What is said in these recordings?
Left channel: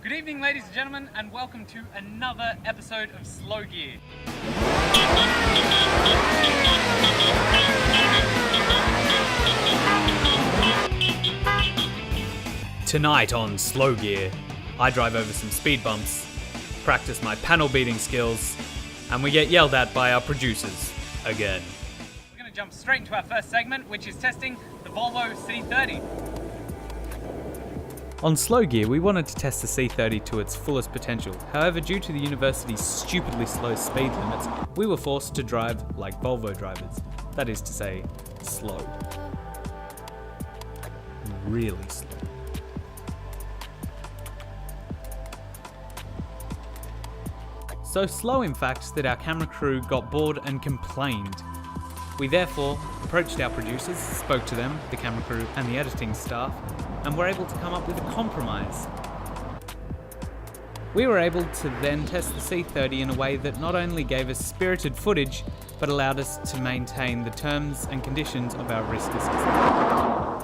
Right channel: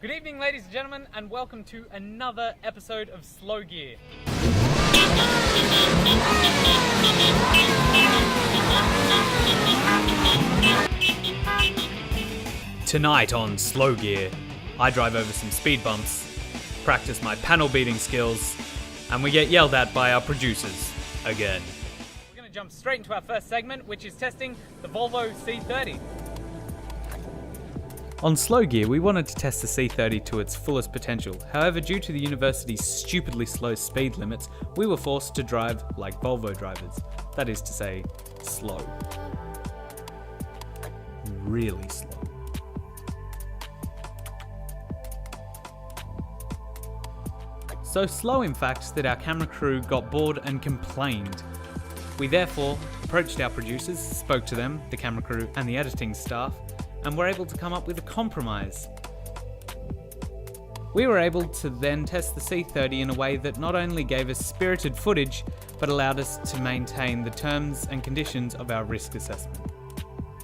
Good evening, ladies and gentlemen, and welcome to another episode of Slow Gear. Tonight on Slow Gear, I drive over some speed bumps, practice my panel beating skills, and we get yelled at by our producers again. We're going to jump straight into our first segment, which is testing the Volvo C30. On Slow Gear, we wanted to test the C30 to its fullest potential. However, due to the university's stupidly slow speed limits, we were forced to drive like Volvo drivers. That is to say, slow. Really slow. So slow, in fact, that our camera crew got bored and complained. We therefore approached our producers, spoke to them, the camera crew and the editing staff, and were able to come up with a compromise. We were able to then test the C30 in a way that not only gave us spirited footage, but allowed us to maintain the terms and conditions of our risk assessment.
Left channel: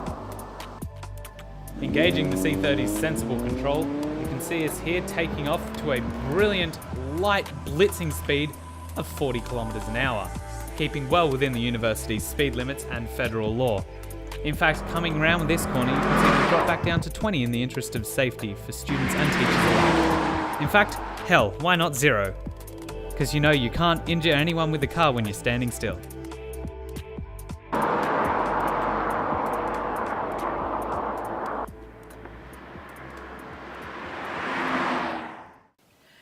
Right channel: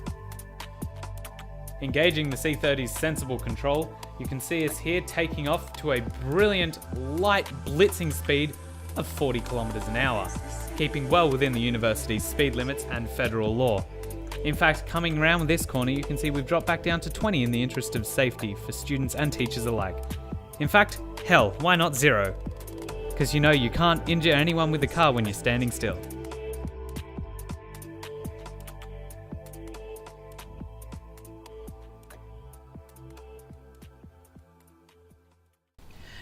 Engaging the C30's sensible control, you can see us here taking off to a brilliant, light blitzing speed of 40 kilometers an hour, keeping well within the university's speed limits and federal law. In fact, coming around with this corner, you can see we've dropped back down to 20 in the interest of safety for students and teachers alike. In fact, hell, why not 0? Because you know you can't injure anyone with the car when you're standing still.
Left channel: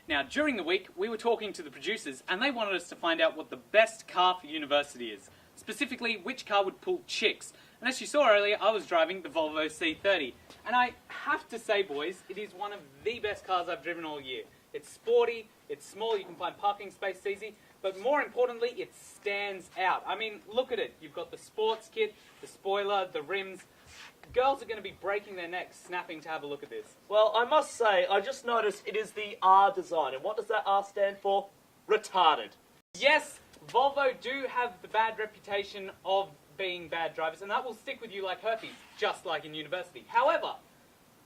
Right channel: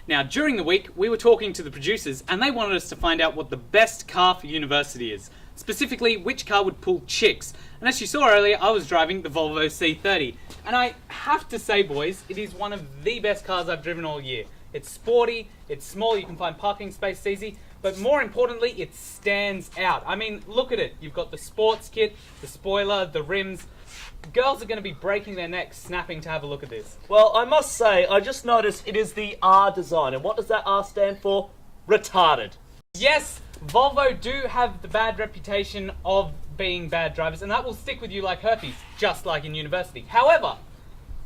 Now, during the week, we were talking to the producers and they wanted us to find out what the best car for university is. Specifically, which car would pull chicks. And as you saw earlier, I was driving the Volvo C30. And I have to say, boys, it is one of the best cars I've driven all year. It's sporty, it's small, you can find parking space easy, but more importantly, it stands out. I mean, look at it. You've got the sports kit, the spoiler, the rims. Girls are going to be breaking their necks snapping to have a look at this. Well, I must say, I just noticed it is the R design. And what does that R stand for? Retarded. Yes, Volvo do have the bad reputation of being bad drivers, and that will stick with you like herpes, just like in university. However,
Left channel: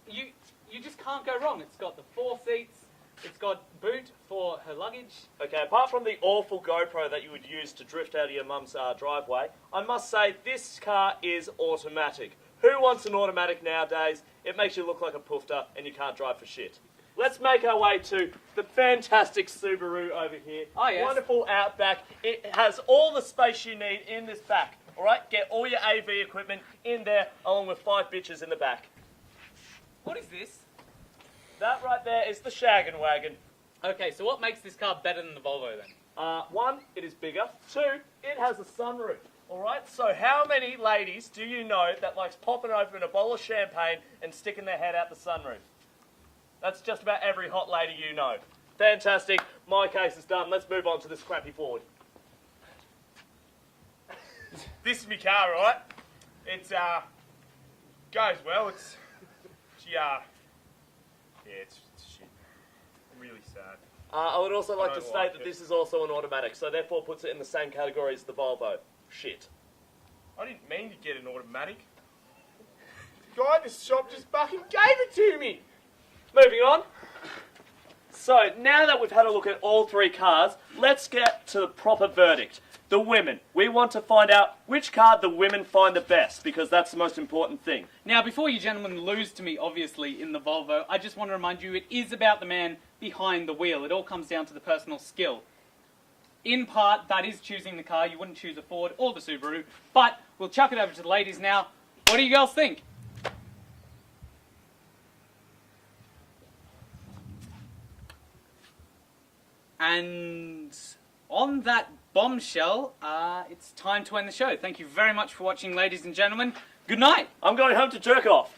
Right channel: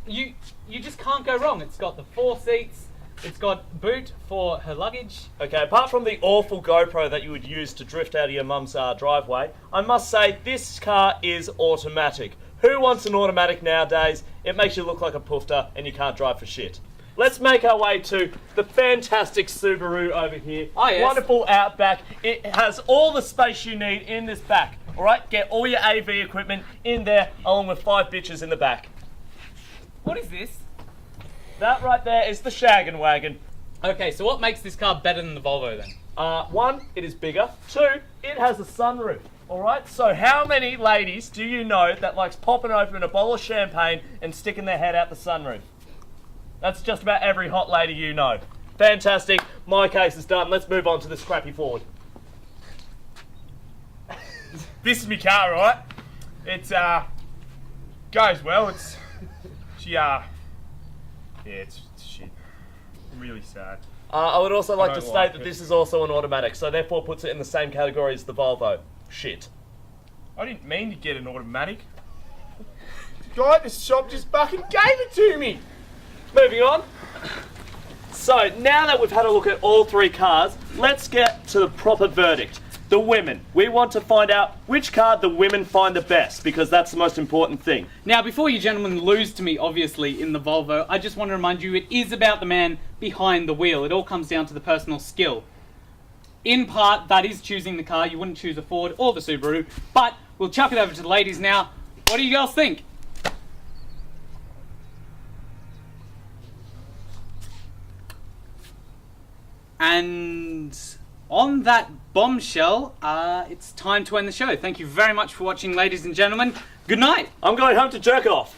you just can't go wrong. It's got the 4 seats, it's got boot for her luggage. Okay, apart from the awful GoPro that you would use to drift out of your mum's driveway, I must say this car is automatic. Who wants an automatic nowadays? It makes you look like a poofter and you can't drive for shit. Let's make our way to the fantastic Subaru over here. Oh, yes. Wonderful Outback. It has all the space you need in this back. All right, get all your AV equipment in there along with 5 bitches in the back. What is this? That right there is the Shaggin' Wagon. Okay, so what makes this car better than the Volvo then? 1, it is bigger. 2, it has a sunroof. All right, so how many ladies do you know that likes popping open a bottle of champagne and sticking their head out the sunroof? That's just about every hot lady you know. Fantastic. My case is done. Let's move on to this crappy Ford. This is my car, right? It's goes well. It's shit. Really sad. I would also like to don't state like that it. this is also an automatic, so therefore puts it in the same category as the Volvo. Shit. I didn't mean to get an automatic. The guy at the shop just fucking gave it to me. Moving on. So, now that we've had a look at all 3 cars, let's get to the proper verdict. The women. We want to find out which car the women find the best, because that's the most important thing. Now, before you gentlemen lose to me, obviously, in the Volvo, I just want to remind you it is about the man behind the wheel. It all comes down to the personal skill. In part, that is choosing the car. You wouldn't choose a Ford or the Subaru, but we'll chuck it over to the ladies now. What do you girls think? And on that bombshell, it's time to end the show. Thank you very much for watching, ladies and gentlemen. Good night. I'm going home to jerk off.